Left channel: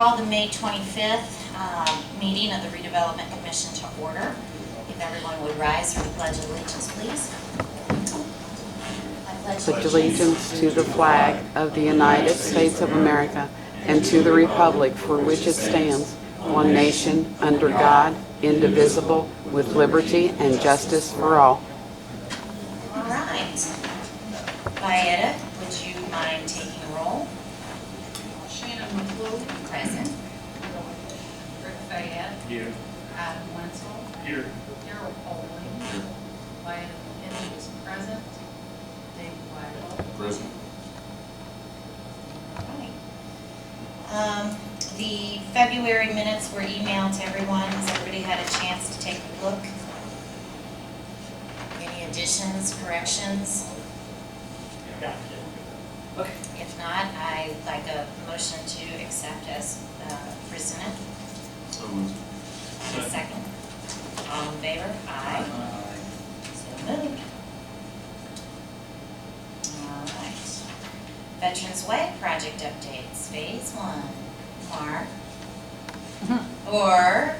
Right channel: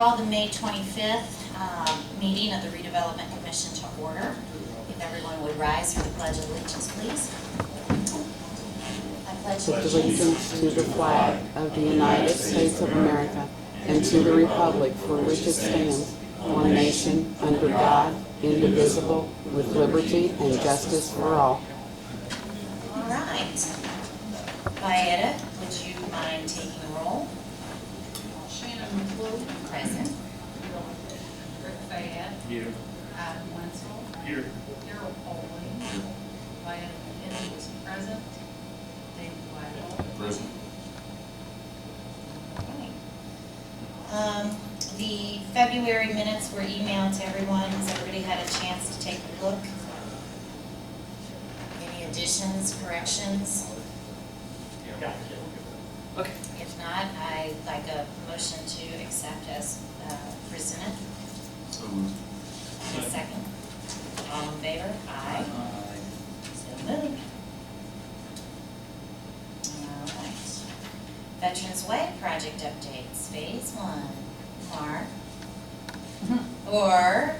Call the May 25th meeting of the Redevelopment Commission to order. If everyone would rise for the Pledge of Allegiance, please. I pledge allegiance to the flag of the United States of America and to the republic for which it stands, one nation, under God, indivisible, with liberty and justice for all. All right. Vieta, would you mind taking roll? Shannon McClure. Present. Rick Fayette. Here. Adam Wenzel. Here. Darrell Poling. Diana McKinney is present. Dave Weigel. Present. All right. The February minutes were emailed to everyone. Has everybody had a chance to take a look? Any additions, corrections? Okay. If not, I'd like a motion to accept as presented. So moved. Second. All in favor? Aye. So moved. All right. Veterans Way project updates, phase 1. Mark? Or?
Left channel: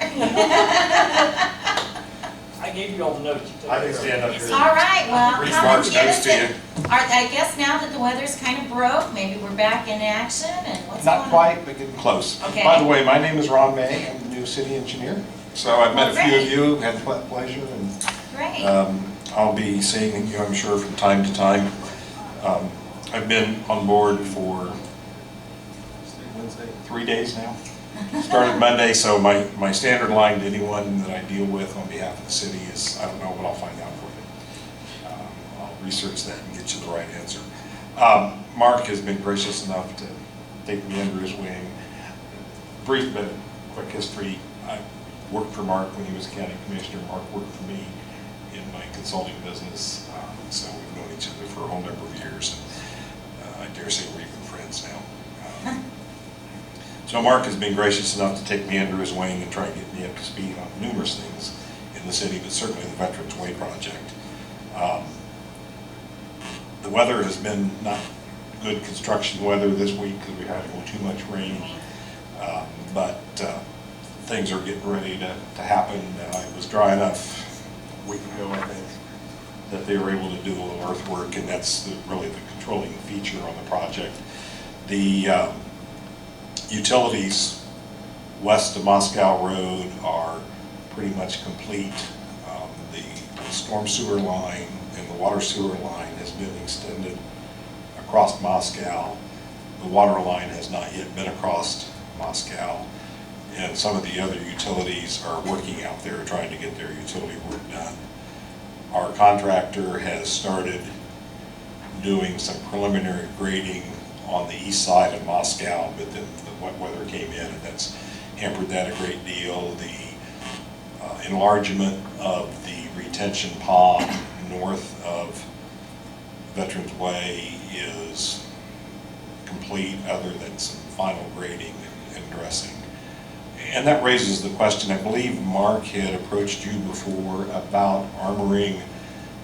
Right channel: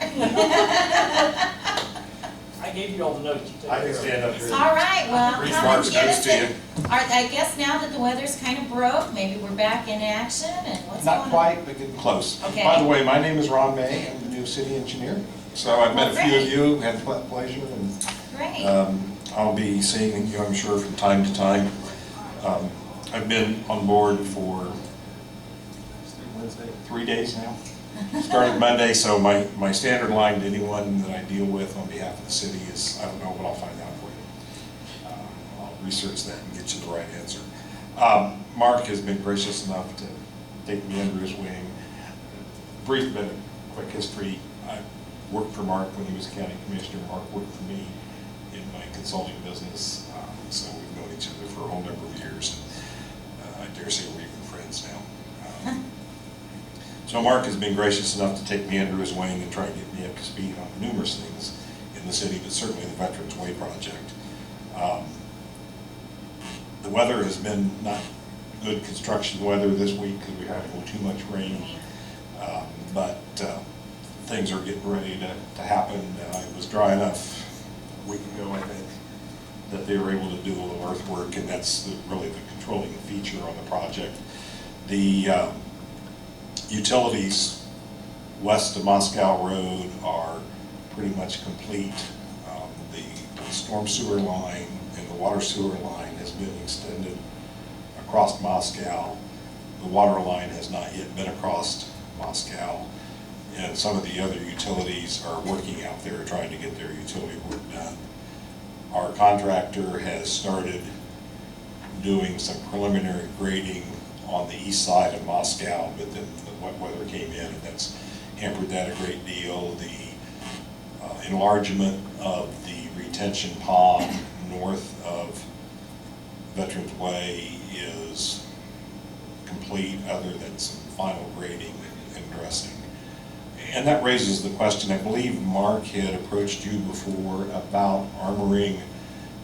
I gave you all the notes. I can stand up here. All right, well, Read come Mark's and get notes us to you. I guess now that the weather's kind of broke, maybe we're back in action and what's going on? Not quite, but getting close. Okay. By the way, my name is Ron May. I'm the new city engineer. So I've met a few of you, had the pleasure, and Great. I'll be seeing you, I'm sure, from time to time. I've been on board for 3 days now. Started Monday, so my standard line to anyone that I deal with on behalf of the city is, I don't know, but I'll find out for you. I'll research that and get you the right answer. Mark has been gracious enough to take me under his wing. Brief but quick history. I worked for Mark when he was county commissioner. Mark worked for me in my consulting business, so we've known each other for a whole number of years. I dare say we're even friends now. So Mark has been gracious enough to take me under his wing and try to get me up to speed on numerous things in the city, but certainly the Veterans Way project. The weather has been not good construction weather this week because we had a little too much rain, but things are getting ready to happen. It was dry enough a week ago, I think, that they were able to do a little earthwork, and that's really the controlling feature on the project. The utilities west of Moscow Road are pretty much complete. The storm sewer line and the water sewer line has been extended across Moscow. The water line has not yet been across Moscow, and some of the other utilities are working out there trying to get their utility work done. Our contractor has started doing some preliminary grading on the east side of Moscow, but then the wet weather came in and that's hampered that a great deal. The enlargement of the retention pond north of Veterans Way is complete, other than some final grading and dressing. And that raises the question, I believe Mark had approached you before about armoring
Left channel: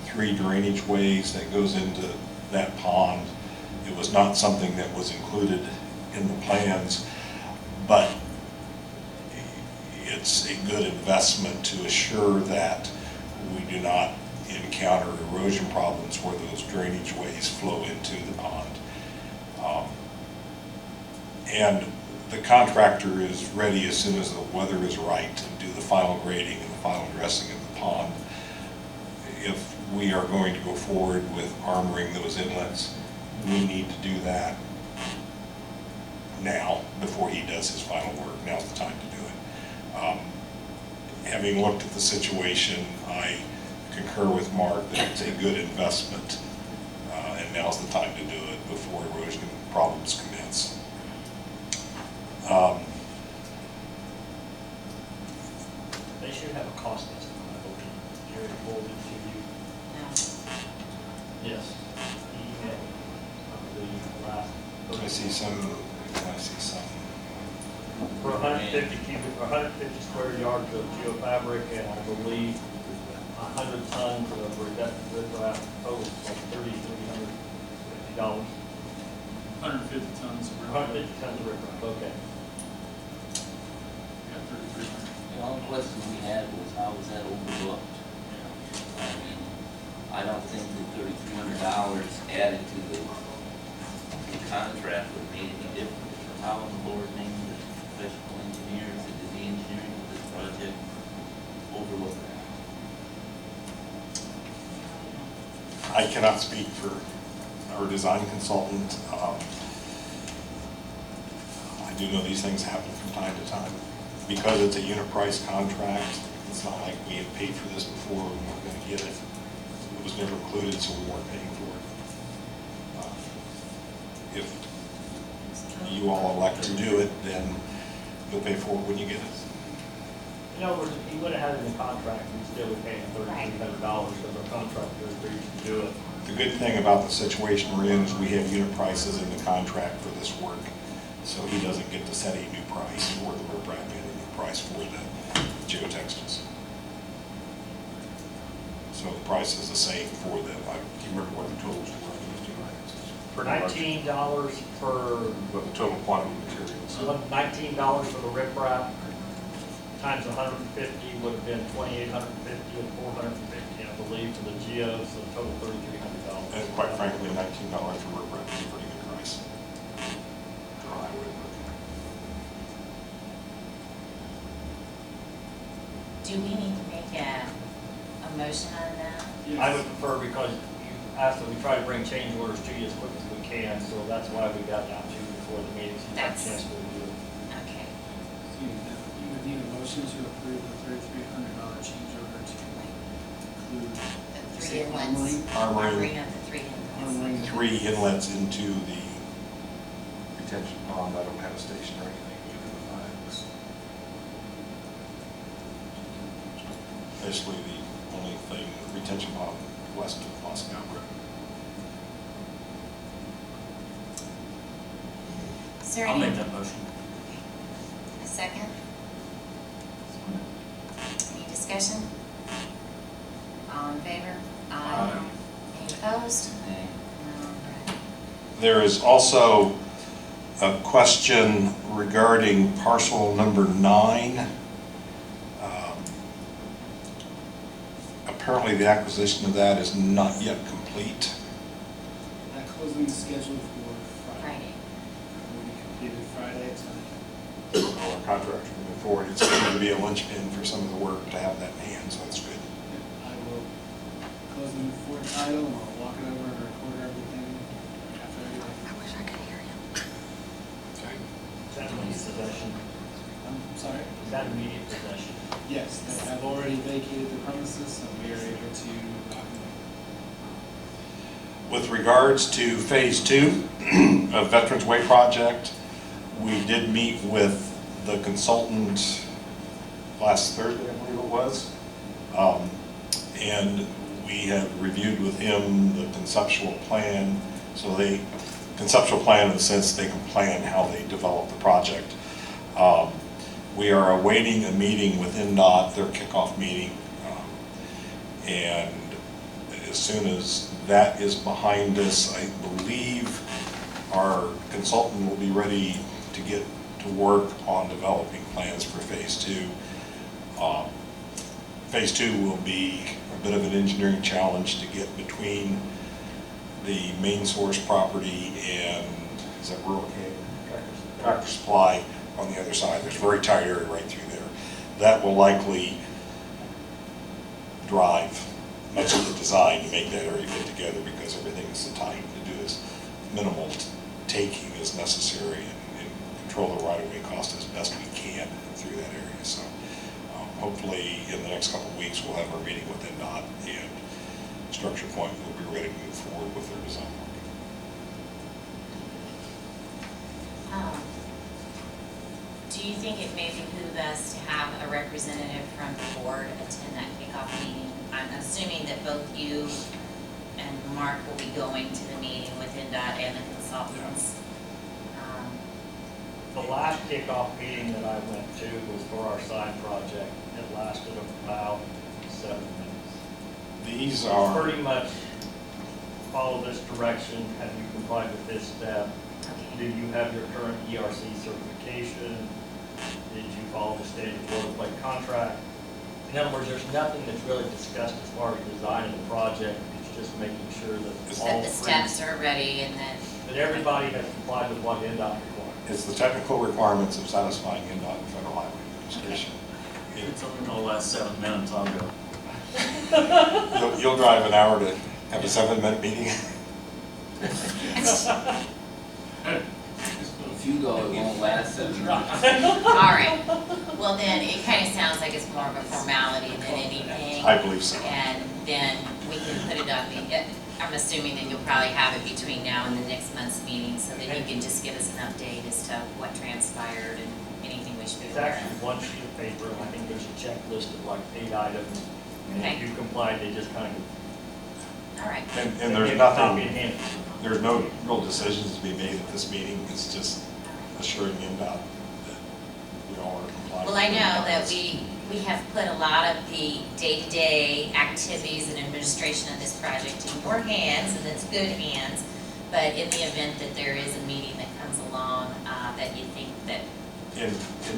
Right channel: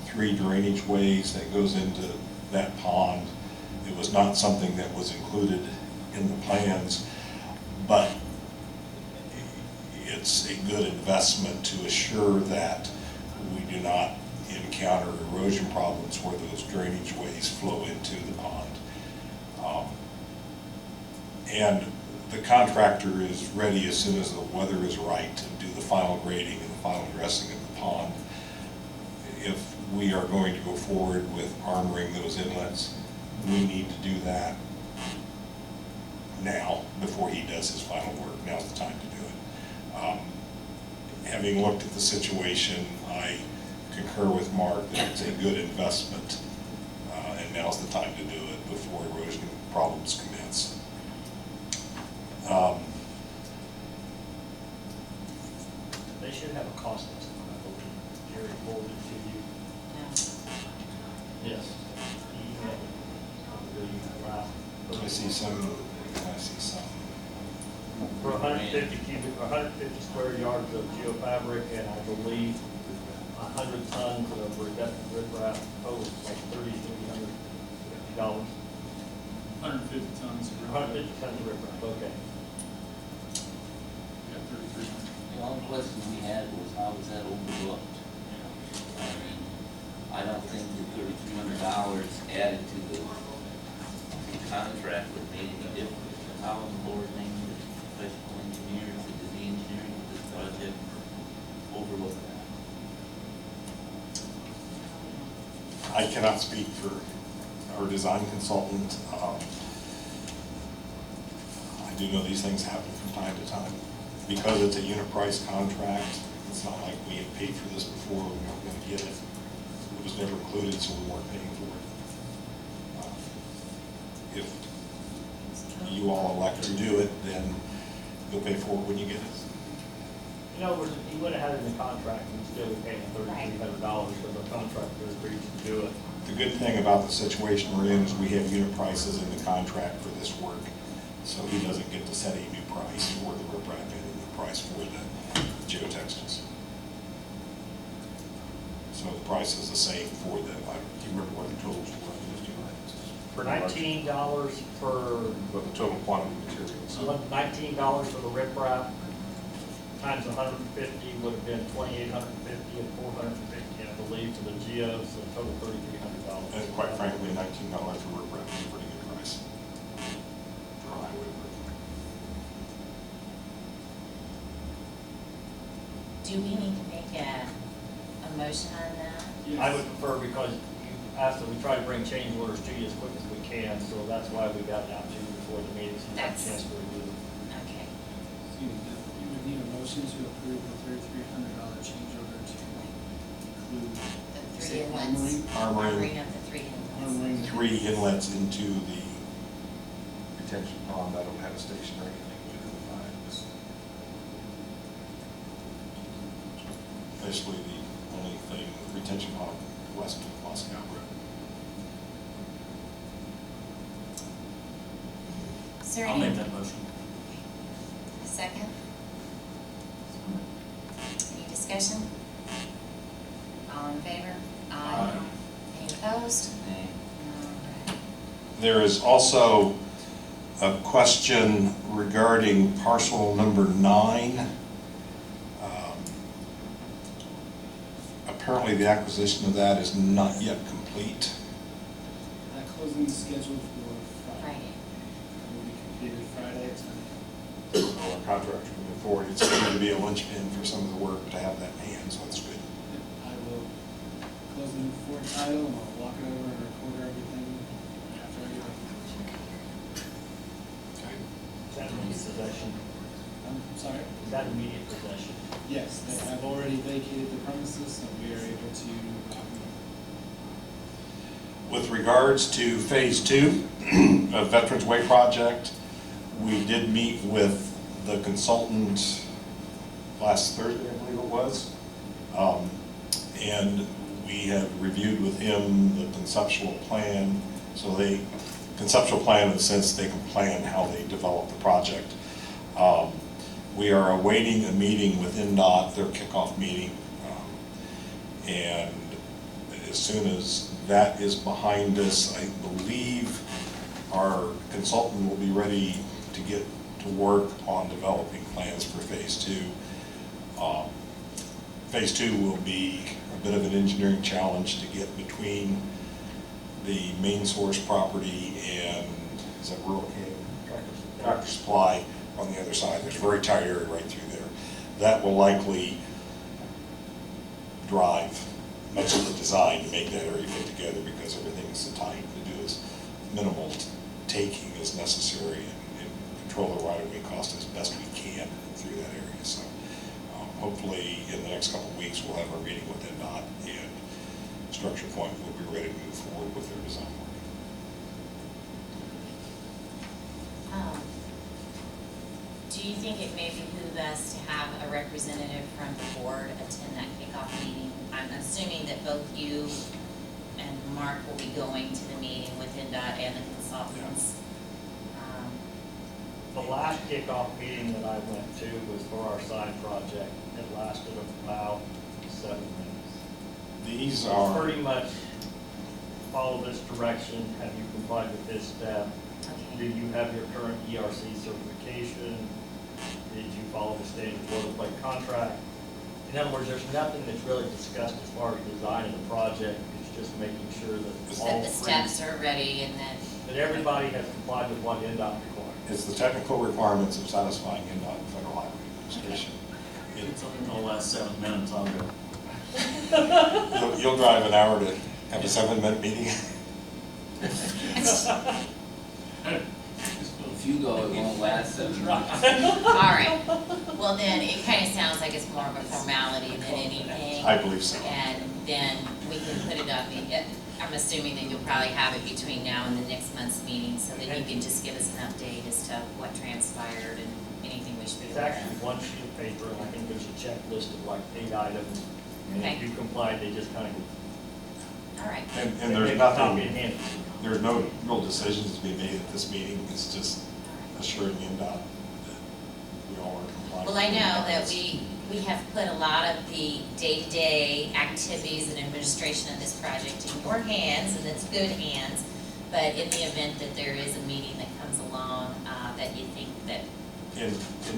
3 drainage ways that goes into that pond. It was not something that was included in the plans, but it's a good investment to assure that we do not encounter erosion problems where those drainage ways flow into the pond. And the contractor is ready as soon as the weather is right to do the final grading and the final dressing of the pond. If we are going to go forward with armoring those inlets, we need to do that now before he does his final work. Now's the time to do it. Having looked at the situation, I concur with Mark that it's a good investment, and now's the time to do it before erosion problems commence. They should have a cost estimate, I hope Jerry forwarded it to you. No. Yes. He had, I believe, last. I see some. For 150 square yards of geofabric, and I believe 100 tons of riprap, total like $3,350. 150 tons of 150 tons of riprap, okay. question we had was, how was that overlooked? I mean, I don't think that $3,300 added to the contract would have made any difference. But how in the Lord name did professional engineers that did the engineering of this project overlook that? I cannot speak for our design consultant. I do know these things happen from time to time. Because it's a unit price contract, it's not like we had paid for this before, we weren't going to get it. It was never included, so we weren't paying for it. If you all elect to do it, then you'll pay for it when you get it. In other words, if he would have had it in the contract, we'd still be paying $3,300 because our contractor agreed to do it. The good thing about the situation we're in is we have unit prices in the contract for this work. So he doesn't get to set a new price for the riprap and a new price for the geotextiles. So the price is the same for the, I can't remember what the totals were on those two items. For $19 per, What the total quantity of materials. $19 for the riprap times 150 would have been 2,850 and 450, I believe, for the geo, so a total $3,300. And quite frankly, $19 for riprap is a pretty good price. For highway work. Do we need to make a motion on that? I would prefer, because you asked that we try to bring change orders to you as quick as we can, so that's why we got down to you before the meeting, so you have a chance to review it. Okay. So you would need a motion to approve the $3,300 change order to include The three Say inlets. armoring. Of the three inlets. armoring. 3 inlets into the retention pond. I don't have a station or anything within the 5. Basically, the only thing, retention pond west of Moscow Road. Is there I'll any, make that motion. a second? Any discussion? All in favor? Aye. Any opposed? Nay. All right. There is also a question regarding parcel number 9. Apparently, the acquisition of that is not yet complete. That closing is scheduled for Friday. Friday. It will be completed Friday at 10 a.m. Our contractor moving forward, it's going to be a linchpin for some of the work to have that in hand, so that's good. Yep, I will close the for title and I'll walk it over and record everything after I get it. Okay. Is that immediate possession? I'm sorry? Is that immediate possession? Yes, they have already vacated the premises, so we are able to lock them up. With regards to Phase 2 of Veterans Way project, we did meet with the consultant last Thursday, I believe it was. And we have reviewed with him the conceptual plan. So conceptual plan in the sense they can plan how they develop the project. We are awaiting a meeting with NDOT, their kickoff meeting. And as soon as that is behind us, I believe our consultant will be ready to get to work on developing plans for Phase 2. Phase 2 will be a bit of an engineering challenge to get between the main source property and, is that rural Canyon? Tractor Supply on the other side. There's a very tight area right through there. That will likely drive much of the design to make that area fit together, because everything is so tight. To do as minimal taking as necessary and control the right-of-way cost as best we can through that area. So hopefully in the next couple of weeks we'll have our meeting with NDOT, and Structure Point will be ready to move forward with their design work. Do you think it may behoove us to have a representative from the board attend that kickoff meeting? I'm assuming that both you and Mark will be going to the meeting with NDOT and the consultants. The last kickoff meeting that I went to was for our side project. It lasted about 7 minutes. These are, Pretty much follow this direction. Have you complied with this step? Do Okay. you have your current ERC certification? Did you follow the standard boilerplate contract. In other words, there's nothing that's really discussed as far as design of the project. It's just making sure that all That the three, steps are ready and then, that everybody has complied with what NDOT requires. It's the technical requirements of satisfying NDOT and Federal Highway Administration. It's only gonna last 7 minutes, I'll go. You'll drive an hour to have a 7-minute meeting? If you go, it won't last 7 minutes. all right. Well, then, it kind of sounds like it's more of a formality than anything. I believe so. And then we can put it on the, I'm assuming that you'll probably have it between now and the next month's meeting, so that you can just give us an update as to what transpired and anything we should be It's aware actually of. one sheet of paper, and I think there's a checklist of like 8 items. And Okay. if you complied, they just kind of. All right. And there's Copy and nothing, hand it. there's no real decisions to be made at this meeting. It's just assuring NDOT that we all are compliant. Well, I know that we have put a lot of the day-to-day activities and administration of this project in your hands, and it's good hands. But in the event that there is a meeting that comes along, that you think that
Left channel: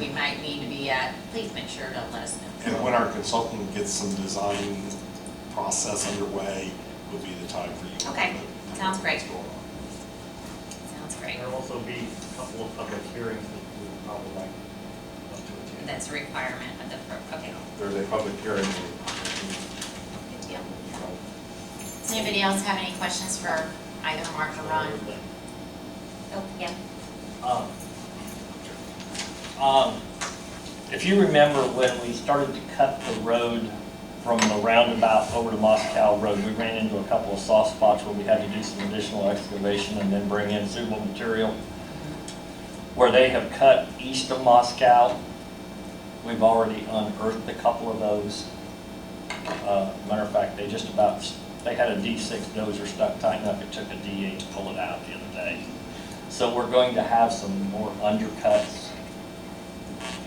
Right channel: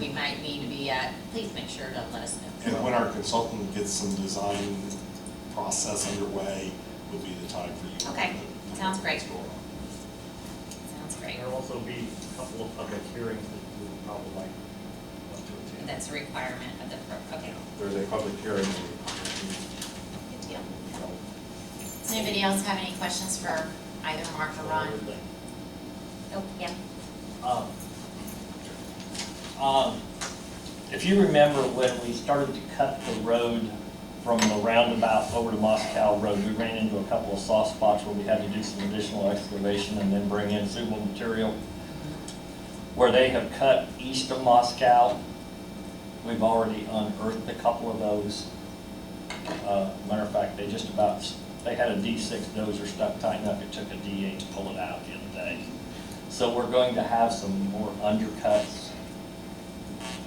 we might need to be at, please make sure to let us know. And when our consultant gets some design process underway, would be the time for you. to Okay. know Sounds great. what's going on. Sounds great. There'll also be a couple of public hearings that we would probably like us to attend. That's a requirement of the, okay, There's a public hearing. good deal. Does anybody else have any questions for either Mark or Ron? Oh, yeah. If you remember when we started to cut the road from the roundabout over to Moscow Road, we ran into a couple of soft spots where we had to do some additional excavation and then bring in suitable material. Where they have cut east of Moscow, we've already unearthed a couple of those. Matter of fact, they had a D6 dozer stuck tight enough, it took a D8 to pull it out the other day. So we're going to have some more undercuts.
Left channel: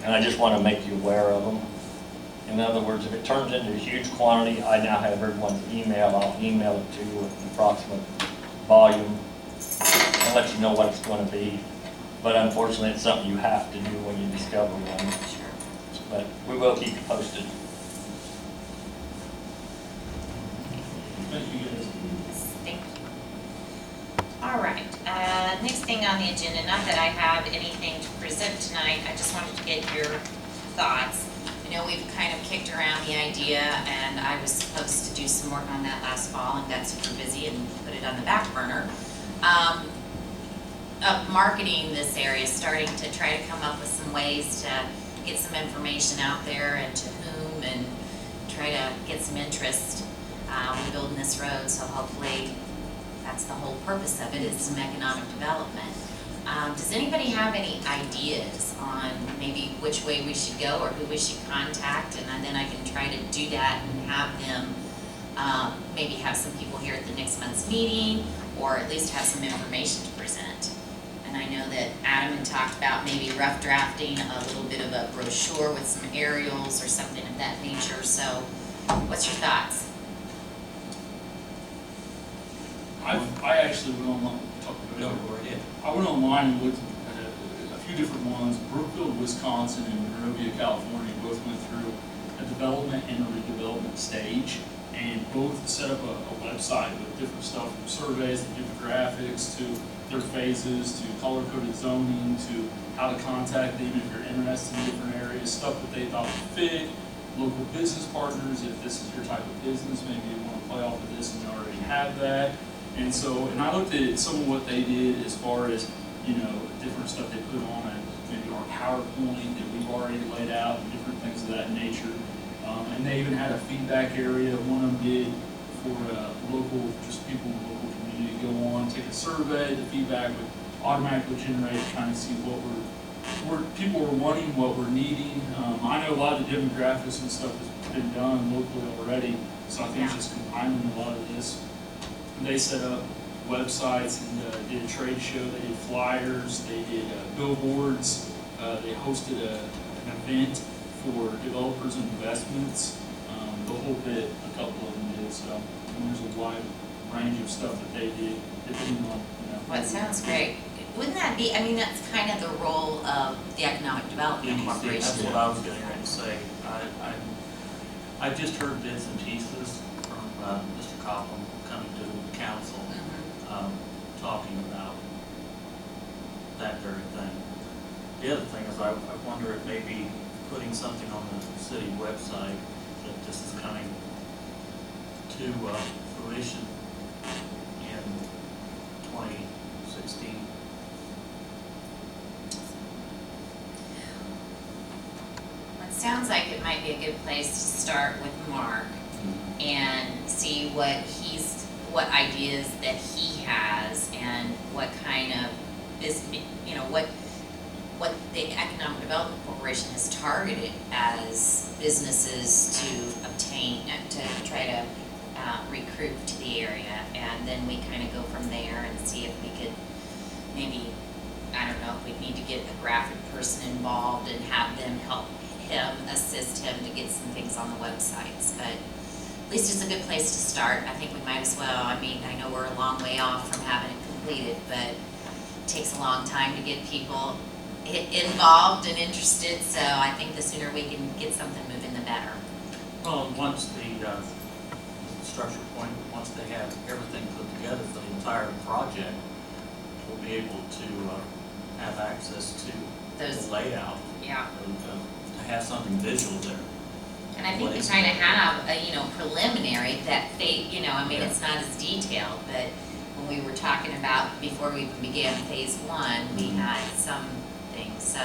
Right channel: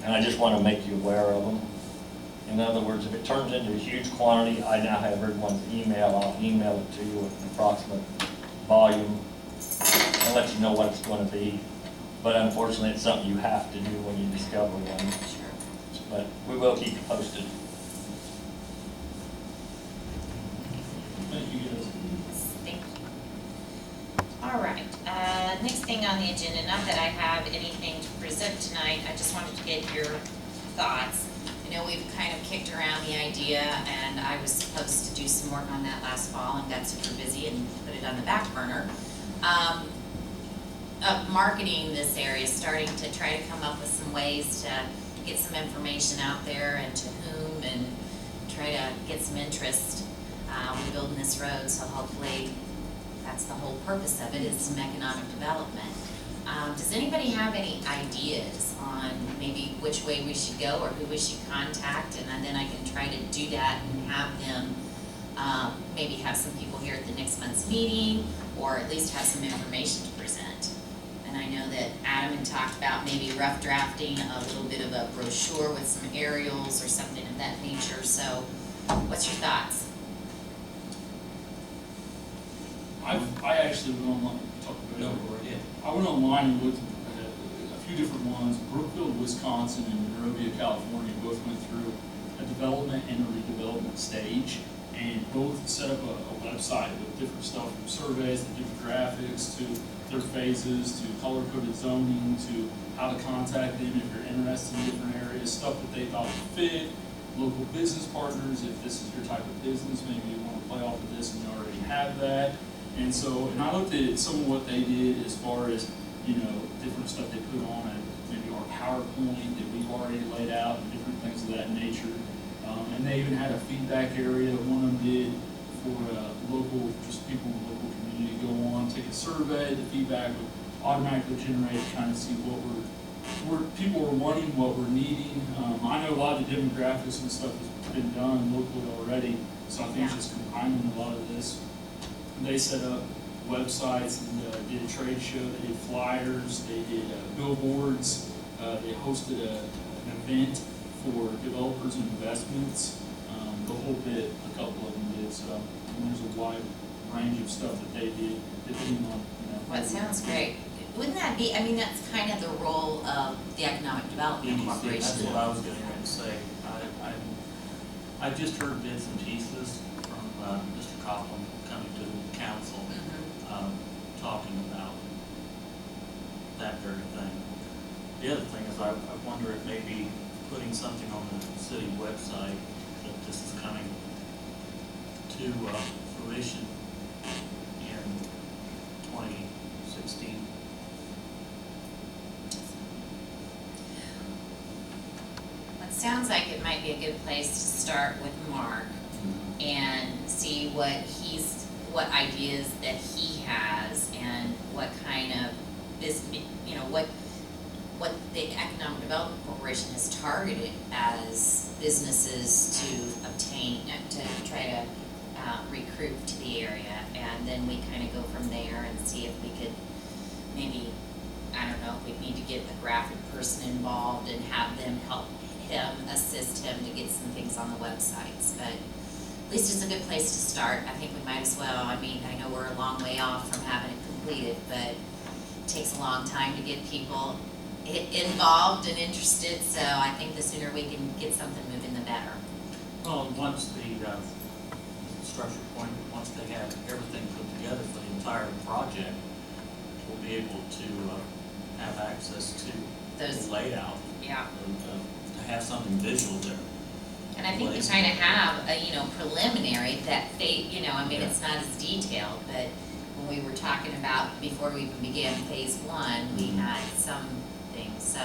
And I just want to make you aware of them. In other words, if it turns into a huge quantity, I now have everyone's email. I'll email it to you with an approximate volume and let you know what it's going to be. But unfortunately, it's something you have to do when you discover one. Sure. But we will keep you posted. Thank you, guys. Thank you. All right, next thing on the agenda, not that I have anything to present tonight, I just wanted to get your thoughts. I know we've kind of kicked around the idea, and I was supposed to do some work on that last fall and got super busy and put it on the back burner. Of marketing this area, starting to try to come up with some ways to get some information out there and to whom, and try to get some interest. We're building this road, so hopefully that's the whole purpose of it, is some economic development. Does anybody have any ideas on maybe which way we should go or who we should contact? And then I can try to do that and have them, maybe have some people here at the next month's meeting, or at least have some information to present. And I know that Adam had talked about maybe rough drafting a little bit of a brochure with some aerials or something of that nature. So what's your thoughts? I actually went online, I went online and looked at a few different ones. Brookfield, Wisconsin, and Monrovia, California both went through a development and a redevelopment stage, and both set up a website with different stuff from surveys to different graphics to their phases to color-coded zoning to how to contact them if you're interested in different areas, stuff that they thought would fit, local business partners, if this is your type of business, maybe you want to play off of this and you already have that. And so, and I looked at some of what they did as far as, you know, different stuff they put on maybe our PowerPoint that we've already laid out and different things of that nature. And they even had a feedback area. One of them did for local, just people in the local community go on, take a survey. The feedback would automatically generate, kind of see what people were wanting, what we're needing. I know a lot of the demographics and stuff has been done locally already, so I think it's just combining a lot of this. They set up websites and did a trade show. They did flyers. They did billboards. They hosted an event for developers and investments. The whole bit, a couple of them did. So there's a wide range of stuff that they did, depending on, you know. Well, it sounds great. wouldn't that be, I mean, that's kind of the role of the Economic Development EDC, that's Corporation. what I was getting ready to say. I've just heard bits and pieces from Mr. Copeland coming to the council, Mhm. talking about that very thing. The other thing is I wonder if maybe putting something on the city website that this is coming to fruition in 2016. Well, it sounds like it might be a good place to start with Mark and see what ideas that he has and what kind of what the Economic Development Corporation has targeted as businesses to obtain, to try to recruit to the area. And then we kind of go from there and see if we could maybe, I don't know, if we need to get a graphic person involved and have them help him, assist him to get some things on the websites. But at least it's a good place to start. I think we might as well. I mean, I know we're a long way off from having it completed, but it takes a long time to get people involved and interested, so I think the sooner we can get something moving, the better. Well, and once the structure point, once they have everything put together for the entire project, we'll be able to have access to Those- the layout, Yeah. to have something visual there. And I think What we is kind of it? have a, preliminary that I mean, Yeah. it's not as detailed, but when we were talking about, before we even began phase one, we had some things. So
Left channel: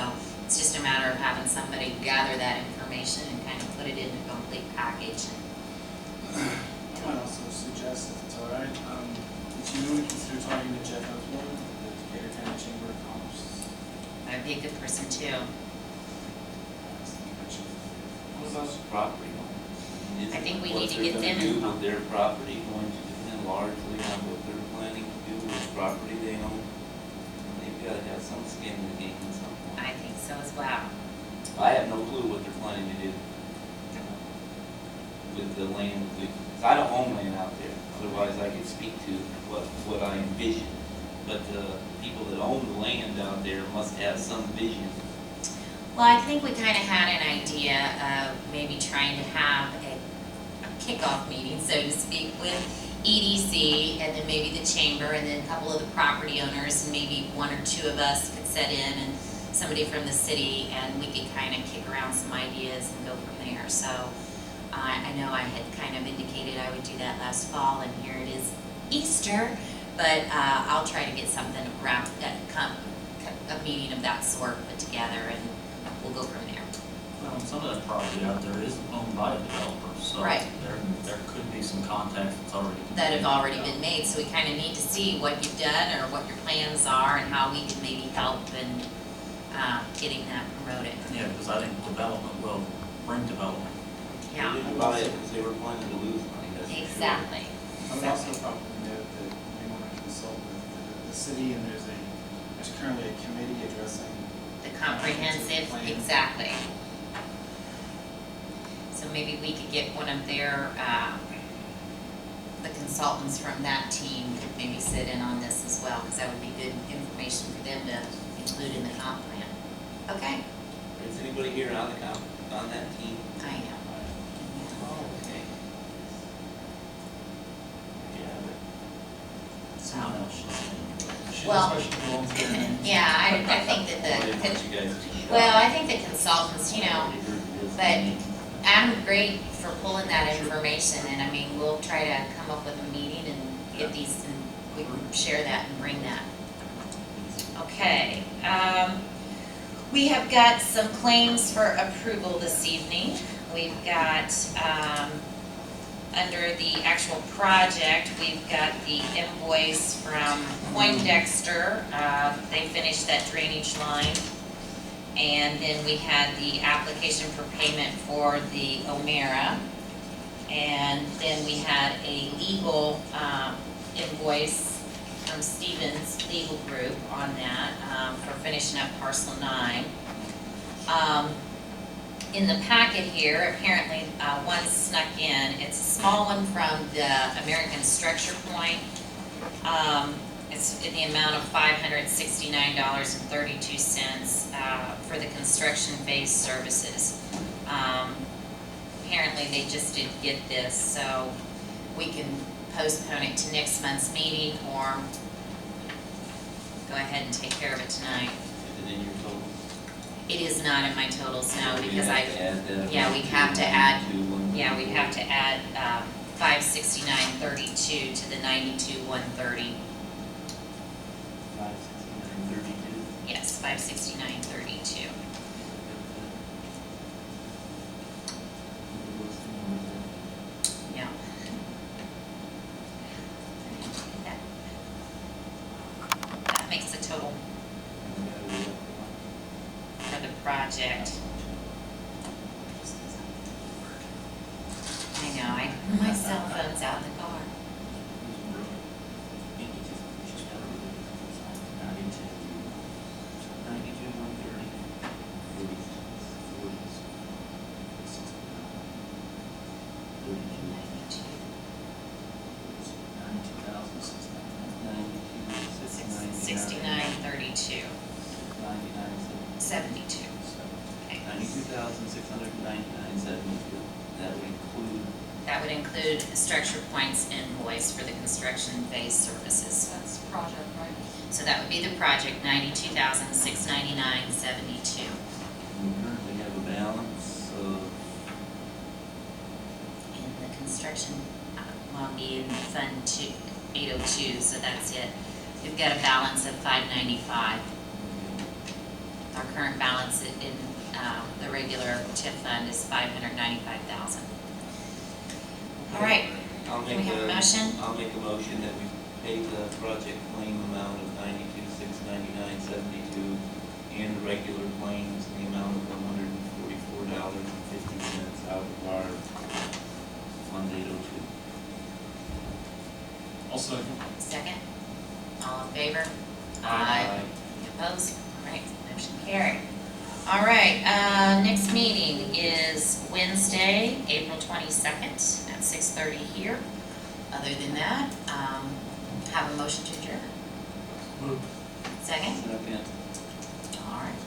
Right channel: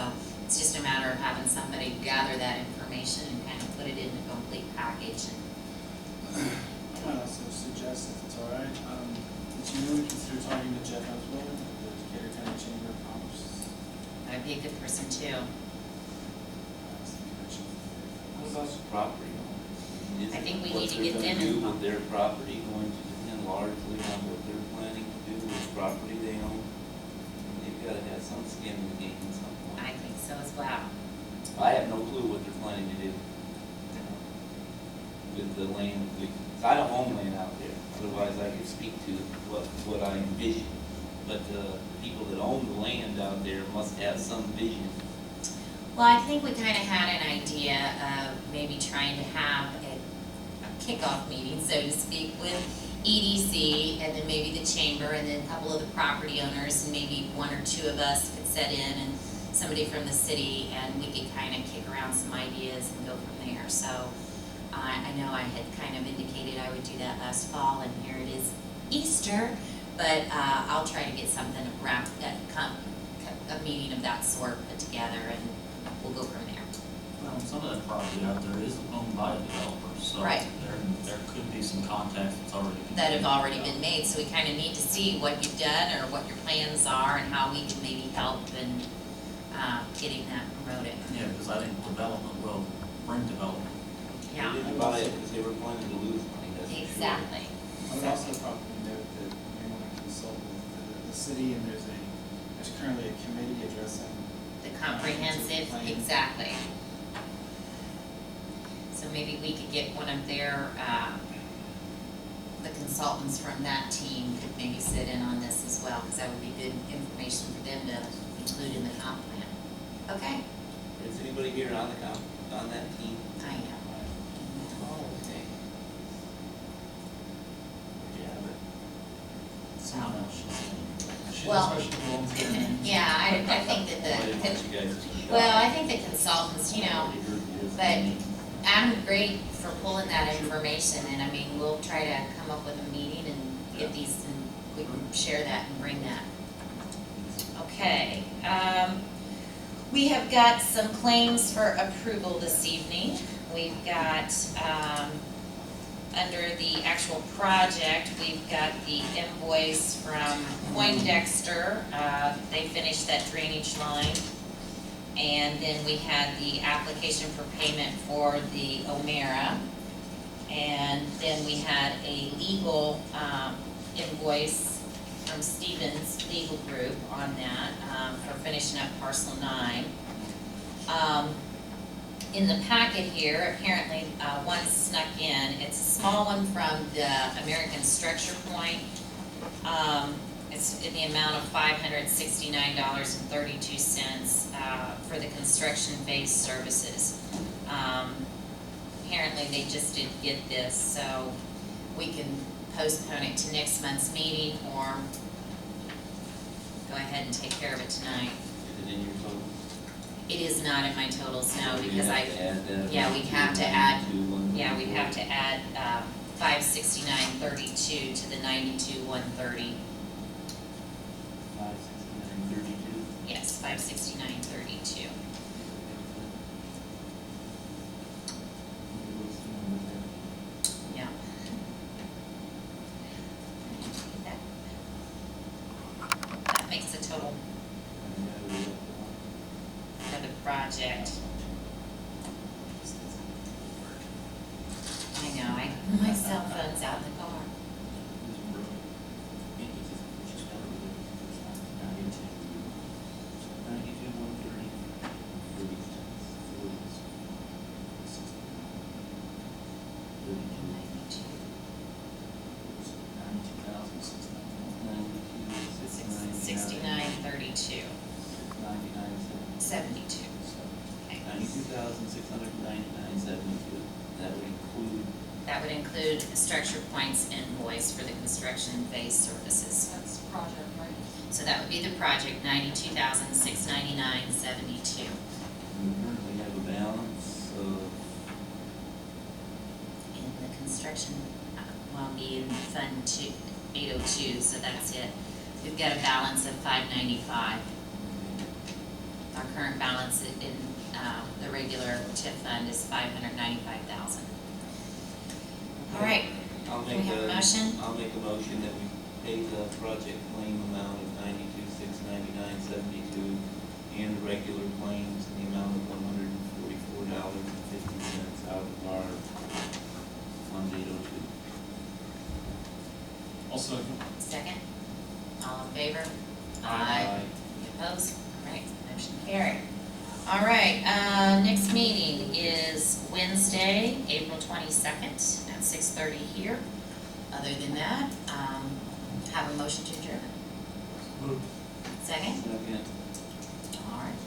it's just a matter of having somebody gather that information and kind of put it in a complete package. I might also suggest, if it's all right, that you would consider talking to Jeff Osborne, the Decatur County Chamber of Commerce. That'd be a good person too. What about the property owners? I think we What need to they're get gonna them do involved. with their property going to depend largely on what they're planning to do with property they own. And they've gotta have some skin in the game at some point. I think so as well. I have no clue what they're planning to do with the land. I don't own land out there, otherwise I could speak to what I envision. But the people that own the land out there must have some vision. Well, I think we kind of had an idea of maybe trying to have a kickoff meeting, so to speak, with EDC and then maybe the chamber and then a couple of the property owners and maybe one or two of us could set in and somebody from the city, and we could kind of kick around some ideas and go from there. So I know I had kind of indicated I would do that last fall, and here it is Easter, but I'll try to get something around a meeting of that sort put together, and we'll go from there. Well, some of that property out there is owned by developers, so Right. there could be some contacts that's already. That have already been made, so we kind of need to see what you've done or what your plans are and how we can maybe help in getting that promoted. Yeah, because I think development will bring development. Yeah, They didn't buy it because they were planning to lose money, that's for sure. exactly. I would also probably note that we want to consult with the city, and there's currently a committee addressing. The comprehensive, Plan. exactly. So maybe we could get one of their, the consultants from that team could maybe sit in on this as well, because that would be good information for them to include in the comp plan. Okay, Is anybody here on that team? I am. Oh, okay. Yeah, Someone else should. Well, She just volunteered. yeah, I think that I didn't want the, you guys to be well, I think the consultants, but Adam, great for pulling that information, and I mean, we'll try to come up with a meeting and get these, and we can share that and bring that. Okay, we have got some claims for approval this evening. We've got, under the actual project, we've got the invoice from Poindexter. They finished that drainage line. And then we had the application for payment for the O'Mara. And then we had a legal invoice from Stevens Legal Group on that for finishing up parcel 9. In the packet here, apparently one snuck in. It's a small one from the American Structure Point. It's in the amount of $569.32 for the construction phase services. Apparently, they just didn't get this, so we can postpone it to next month's meeting, or go ahead and take care of it tonight. Is it in your total? It is not in my totals now, So we because have I, to add that yeah, we'd have to add, 92,134. yeah, we'd have to add, 569.32 to the 92,130. 569.32. Yes, 569.32. Yeah. That- That makes the total for the project. I know, my cell phone's out in the car. $69.32. 72. Okay. $92,699.72. That would include, That would include the Structure Point's invoice for the construction phase services. That's project, right? So that would be the project, $92,699.72. we currently have a balance of, In the construction, well, be in Fund 802, so that's it. We've got a balance of $595. Our current balance in the regular TIF fund is $595,000. All right, I'll do we make have a motion? I'll make a motion that we pay the project claim amount of $92,699.72 and the regular claims in the amount of $144.50 out of our Fund 802. I'll second. Second? All in favor? Aye. Any opposed? All right, motion carried. All right, next meeting is Wednesday, April 22nd at 6:30 here. Other than that, have a motion to adjourn. Moved. Second? Second. All right,